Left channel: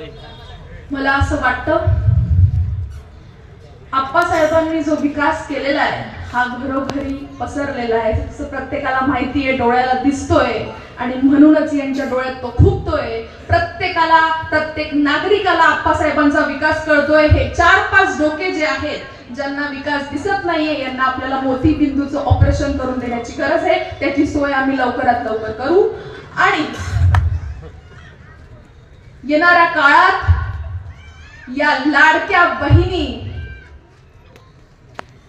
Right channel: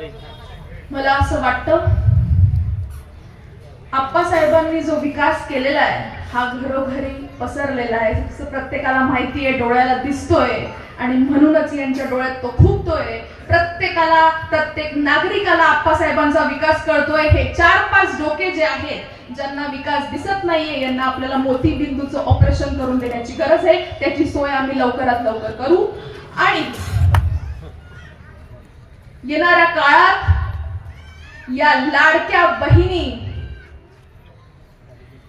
मला असं वाटतं आप्पासाहेबांनी जो विकास केलेला आहे हा घरोघरी पसरलेला आहे, जसं प्रत्येकाला माहिती आहे, डोळ्याला दिसतोय आणि म्हणूनच यांच्या डोळ्यात तो खुपतोय. प्रत्येकाला, प्रत्येक नागरिकाला आप्पासाहेबांचा विकास कळतोय. हे 4-5 डोके जे आहेत ज्यांना विकास दिसत नाहीये यांना आपल्याला मोतीबिंदूचं ऑपरेशन करून देण्याची गरज आहे. त्याची सोय आम्ही लवकरात लवकर करू. आणि येणाऱ्या काळात या लाडक्या बहिणी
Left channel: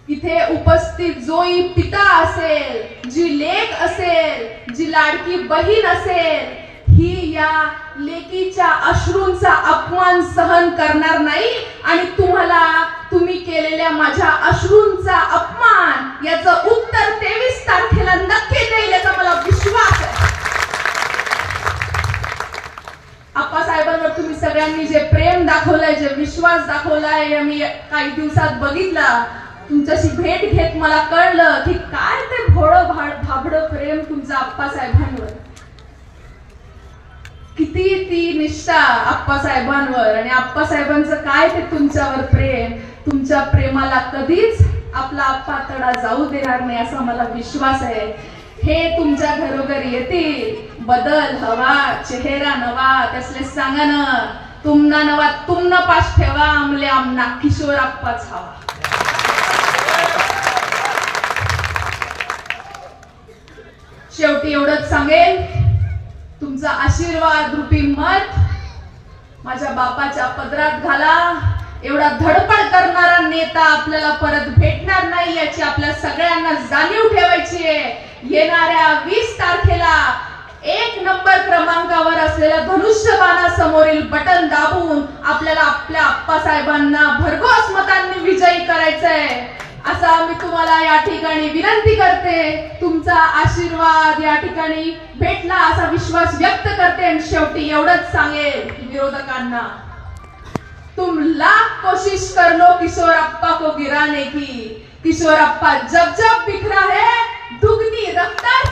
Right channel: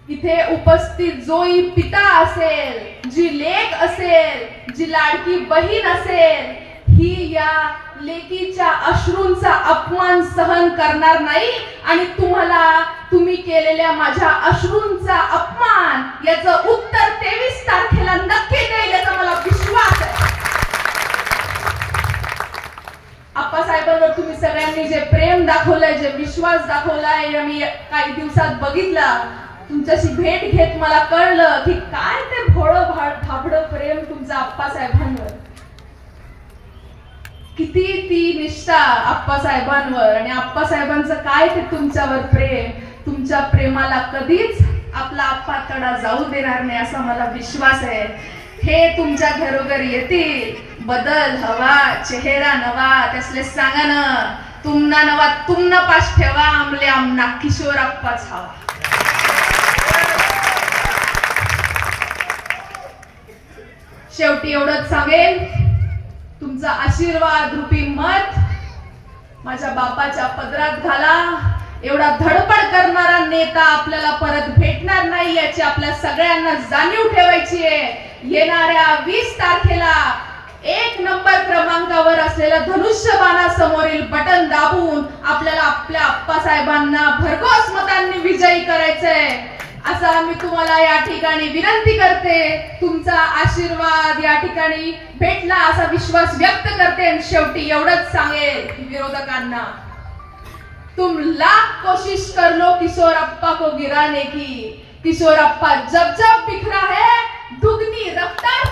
इथे उपस्थित जोही पिता असेल, जी लेक असेल, जी लाडकी बहीण असेल, ही या लेकीच्या अश्रूंचा अपमान सहन करणार नाही आणि तुम्ही केलेल्या माझ्या अश्रूंचा अपमान याचं उत्तर 23 तारखेला नक्की देईल याचा मला विश्वास आहे. आप्पासाहेबांवर तुम्ही सगळ्यांनी जे प्रेम दाखवलंय, जे विश्वास दाखवलाय, मी काही दिवसात बघितला. तुमच्याशी भेट घेत मला कळलं की काय ते भोळं भाबडं प्रेम तुमचं आप्पासाहेबांवर, किती ती निष्ठा आप्पासाहेबांवर आणि आप्पासाहेबांचं काय ते तुमच्यावर प्रेम. तुमच्या प्रेमाला कधीच आपला आप्पा तडा जाऊ देणार नाही असा मला विश्वास आहे. हे तुमच्या घरोघरी येतील. बदल हवा, चेहरा नवा, त्यासले सांगा ना तुमना नवा तुमना पास ठेवा, आमले आमना किशोर आप्पाच हवा. शेवटी एवढंच सांगेन, तुमचा आशीर्वाद रूपी मत माझ्या बापाच्या पदरात घाला. एवढा धडपड करणारा नेता आपल्याला परत भेटणार नाही याची आपल्या सगळ्यांना जाणीव ठेवायची आहे. येणाऱ्या 20 तारखेला 1 नंबर क्रमांकावर असलेल्या धनुष्यबाणासमोरील बटन दाबून आपल्याला आपल्या आप्पासाहेबांना भरघोस मतांनी विजयी करायचंय असं आम्ही तुम्हाला या ठिकाणी विनंती करते. तुमचा आशीर्वाद या ठिकाणी भेटला असा विश्वास व्यक्त करते. आणि शेवटी एवढंच सांगेल विरोधकांना, तुम लाख कोशिश कर लो किशोर अप्पा को गिराने की, किशोर अप्पा जब जब बिखरा है दुगनी रफ्तार